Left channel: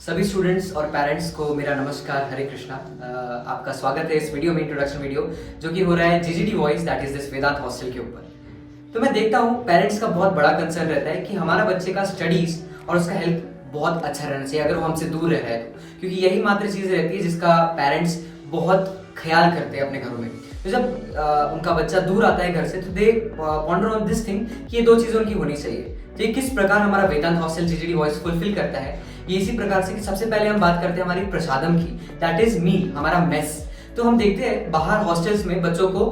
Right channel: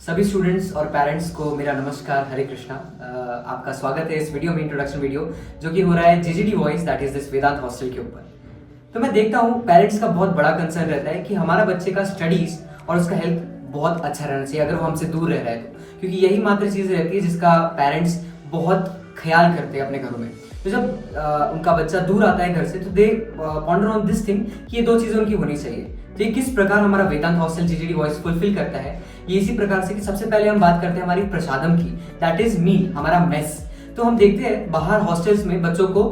सभी स्टूडेंट्स और पेरेंट्स को मेरा नमस्कार, हरे कृष्णा। आपका स्वागत है इस वीडियो में, इंट्रोडक्शन वीडियो जो कि हो रहा है GGD voice, that is this Vedant hostel के ऊपर। तो मैं देखता हूँ पेरेंट्स का बहुत बड़ा कंसर्न रहता है कि हमारा बच्चे का स्टडीज और उसका हेल्थ बहुत अच्छा रहना चाहिए अगर वो हमसे दूर रह रहा है तो, क्योंकि यही मात्र चीज़ रहती है जिसका पेरेंट्स बहुत ख्याल करते हैं अपने घरों में। तो जब उनका बच्चा दूर आता है घर से तो दे पॉन्डर ऑन दिस थिंग कि ये दो चीज़ें उनकी होनी चाहिए। तो ये किस प्रकार हमारा वेदांत हॉस्टल जीजीडी वॉइस फुलफिल करता है, ये इसी प्रकार से कि सबसे पहले हम बात करते हैं हमारी प्रसादम की, दैट इज मील, हमारा मेस। तो हम देखते हैं बाहर हॉस्टल्स में बच्चों को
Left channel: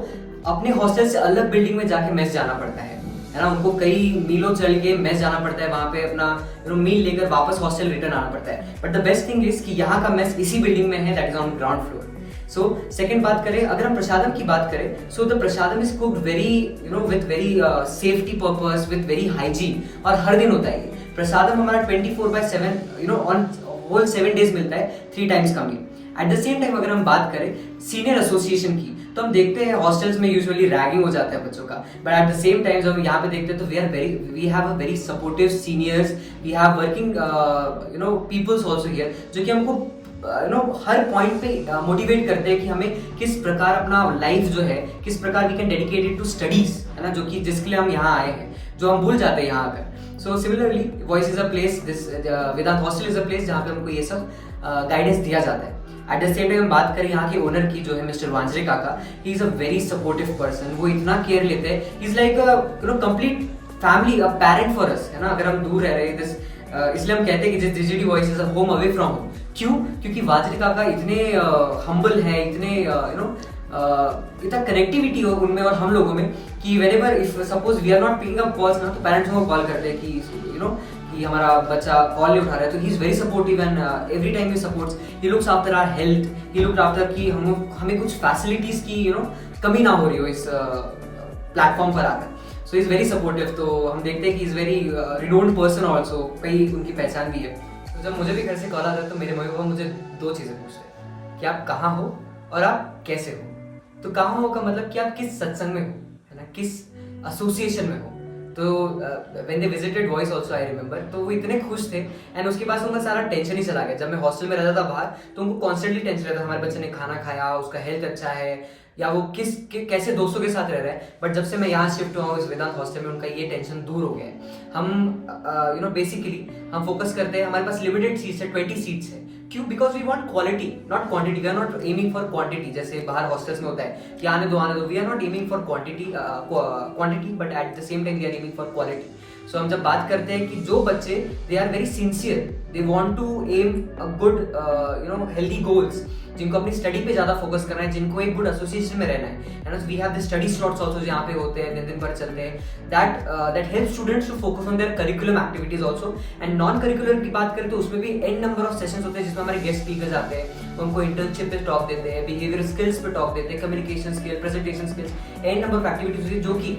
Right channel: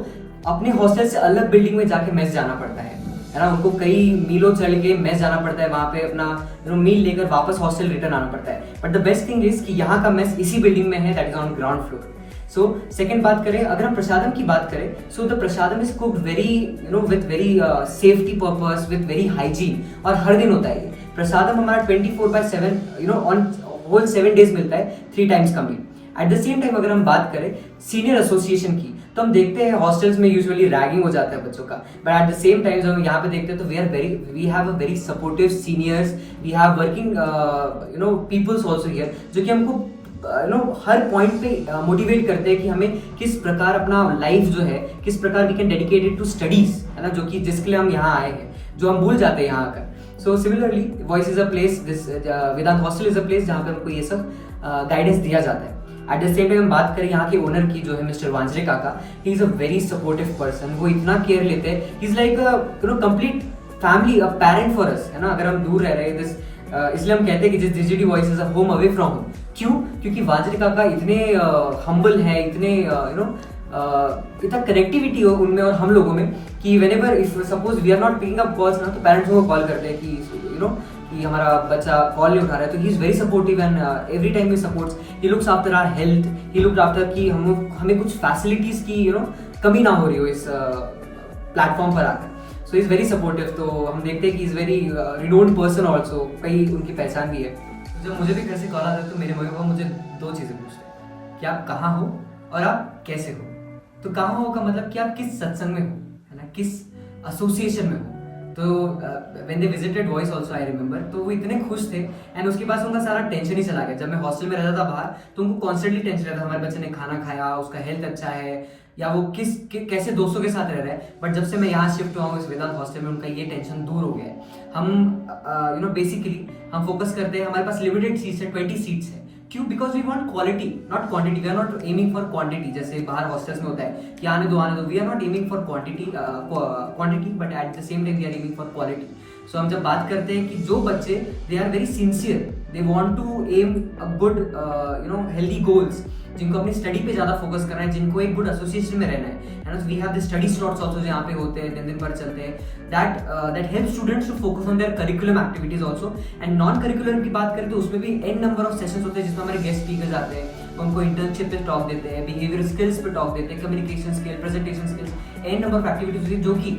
अपने हॉस्टल से अलग बिल्डिंग में जाके मेस जाना पड़ता है ना। उनको कई मीलों चल के मेस जाना पड़ता है, वहां पे अपना मील लेकर वापस हॉस्टल रिटर्न आना पड़ता है। But the best thing is कि यहाँ का मेस इसी बिल्डिंग में है, that is on ground floor. So second बात करें, अगर हम प्रसादम की बात करें, so the prasadam is cooked very with very safety purpose, with very hygiene, और हर दिन होता है ये प्रसादम हमारा 24/7 ऑन होल 7 डेज मिलता है, 3 टाइम्स का मील। एट द सेम टाइम अगर हम बात करें सीनियर एसोसिएशन की, तो हम देखते हैं हॉस्टल्स में यूजुअली रैगिंग हो जाता है बच्चों का, but at the same time जब हम यहाँ पे देखते हैं तो we have a very supportive seniors, we have working peoples also here, जो कि हमको हर पॉइंट पे मोटिवेट करते हैं कि हमें किस प्रकार अपना लाइफ जो है, किस प्रकार we can dedicated to studies, है ना, जो कि जिसके लिए हम यहाँ आए हैं, जो हम भूल जाते हैं यहाँ आकर। So similarly voice is a place, this Vedant hostel is a place जहाँ पे हमको ये सब गाइडेंस दिया जाता है। एट द सेम टाइम हम बात करें यहाँ के ओनर की, जो है मिस्टर वांजरे काका, he is a very supportive person. वो इतना केयर लेते हैं, he is like complete family, a parent for us, है ना। अगर हम दूर रह रहे हैं इसलिए हम कहते हैं कि GGD voice is a home away from home. क्यों? क्योंकि वांजरे काका इतने हम्बल है, इतने इतना कनेक्टिविटी हो उनमें और हम लोगों में कि whenever if suppose we are not picking up calls ना, तो पेरेंट्स को कॉल करते हैं कि कि हमारा बच्चा कॉल नहीं उठा रहा है, तो he is very supportive and every time he supports, he looks after our health, he looks after कि हमें कुछ फैसिलिटीज की कमी ना हो रही हो इस प्लेटफॉर्म पर आकर। So is very supportive. तो हम देखते हैं कि is very renowned person also, कई उनकी पहचान भी है। तो जब मुझे भी घर से कॉल आता है तो मेरे मम्मी पापा मुझे 2 चीजें पूछते हैं कि आप कहाँ हो और आप कैसे हो। तो कहाँ हो का मतलब कि आप किस सत्संग में हो, है ना, किस एसोसिएशन में हो। तो when they visited voice also I remember, तो वो इतने खुश थे एंड उसके बाद उनका सारा टेंशन ही चला गया। जब मैं हॉस्टल में रहता था बाहर, तो उनको कॉन्स्टेंटली टेंशन रहता था हमारे बच्चे ने खाना खाया, उसका हेल्थ अच्छा है, या वो कैसे दोस्तों के साथ रह रहा है। बट जब से मैं यहाँ शिफ्ट हुआ हूँ इस वेदांत हॉस्टल में, उनका ये टेंशन दूर हो गया है। हम बेसिकली हम फोकस करते हैं, हमारे पास लिमिटेड सीट्स है, 20 सीट्स है। क्यों? Because we want quality not quantity, we are not aiming for quantity, जैसे बाहर हॉस्टल्स में होता है कि आने दो। We are not aiming for quantity but at the same time we are aiming for quality. So हम जब बात करते हैं कि जो बच्चे they are very sincere, they want to aim a good healthy goals, जिनको अपनी स्टडी पे ज्यादा फोकस करना है, जिनको एक गुड एसोसिएशन में रहना है, and we have the study slots also जो यहाँ पे होते हैं, दिन भर चलते हैं, that help students to focus on their curriculum activities also. And non curriculum की बात करें तो उसमें भी एन नंबर ऑफ सेशंस होते हैं जिसमें हमारे गेस्ट स्पीकर्स आते हैं, उनको इंटर्नशिप पे टॉक देते हैं, बिहेवियर स्किल्स पे टॉक देते हैं, communication skill, presentation skills, an number of activities होती है, जो कि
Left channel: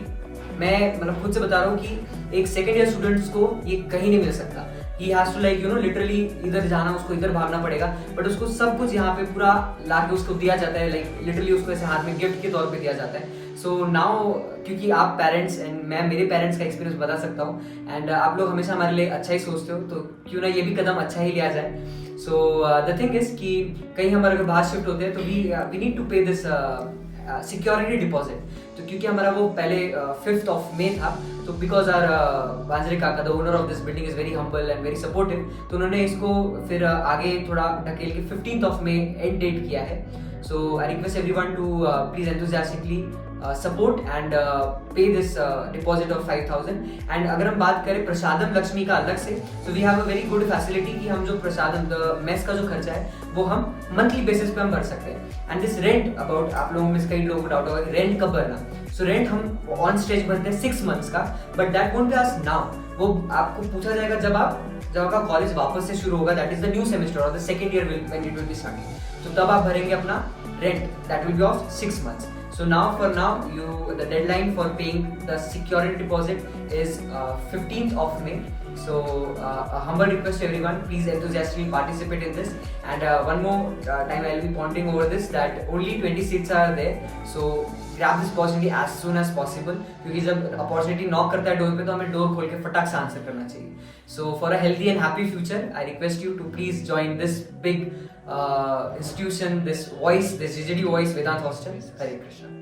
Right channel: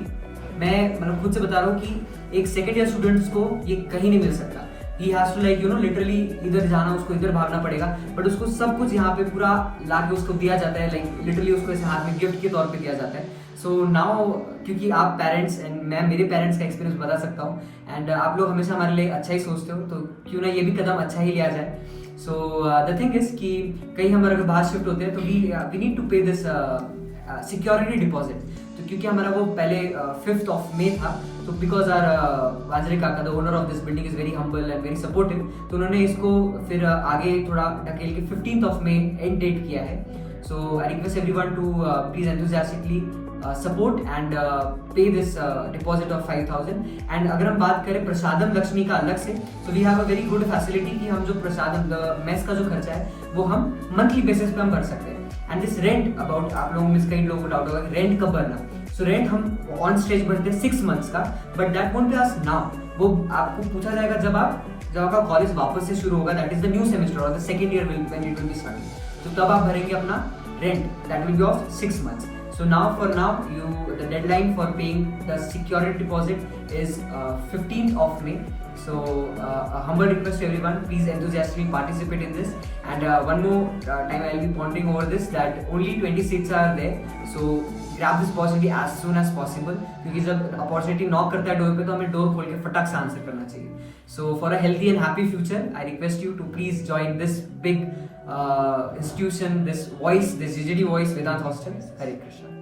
मैं खुद से बता रहा हूँ कि एक सेकेंड ईयर स्टूडेंट्स को ये कहीं नहीं मिल सकता। He has to like literally इधर जाना, उसको इधर भागना पड़ेगा, बट उसको सब कुछ यहाँ पे पूरा लाके उसको दिया जाता है, लाइक लिटरली उसको ऐसे हाथ में गिफ्ट के तौर पे दिया जाता है। सो नाउ क्योंकि आप पेरेंट्स एंड मैं मेरे पेरेंट्स का एक्सपीरियंस बता सकता हूँ, एंड आप लोग हमेशा हमारे लिए अच्छा ही सोचते हो, तो क्यों ना ये भी कदम अच्छा ही लिया जाए। सो द थिंग इज कि कहीं हमारे अगर बाहर शिफ्ट होते हैं तो वी नीड टू पे दिस सिक्योरिटी डिपॉजिट। तो क्योंकि हमारा वो पहले 5th of May था, तो बिकॉज आर वांजरे काका the owner of this building is very humble and very supportive, तो उन्होंने इसको फिर आगे थोड़ा ढकेल के 15th of May and date किया है। So I request everyone to please enthusiastically support and pay this deposit of 5,000। And अगर हम बात करें प्रसादम लक्ष्मी का अलग से, so we have a very good facility कि हम जो प्रसादम मेस का जो खर्चा है वो हम मंथली बेसिस पे हम भर सकते हैं। एंड दिस रेंट अबाउट, आप लोगों में कई लोगों को डाउट होगा रेंट कब भरना। सो रेंट हम ऑन स्टेज भरते हैं 6 months का, but that won't be asked now, वो आपको पूछा जाएगा जब आपका कॉलेज वापस से शुरू होगा, that is the new semester और the second year when it will be starting, तो तब आप भरेंगे अपना rent, that will be of 6 months. So now for now, the deadline for paying the security deposit is 15th of May. So a humble request to everyone, please enthusiastically participate in this. And one more time I'll be pointing over this that only 20 seats are there. So grab this opportunity as soon as possible, क्योंकि जब opportunity knock करता है door पे तो हमें door खोल के फटाक से आंसर करना चाहिए. So for a healthy and happy future, I request you to please join this big institution, this voice, this GGD voice, Vedant Hostel. Hare Krishna.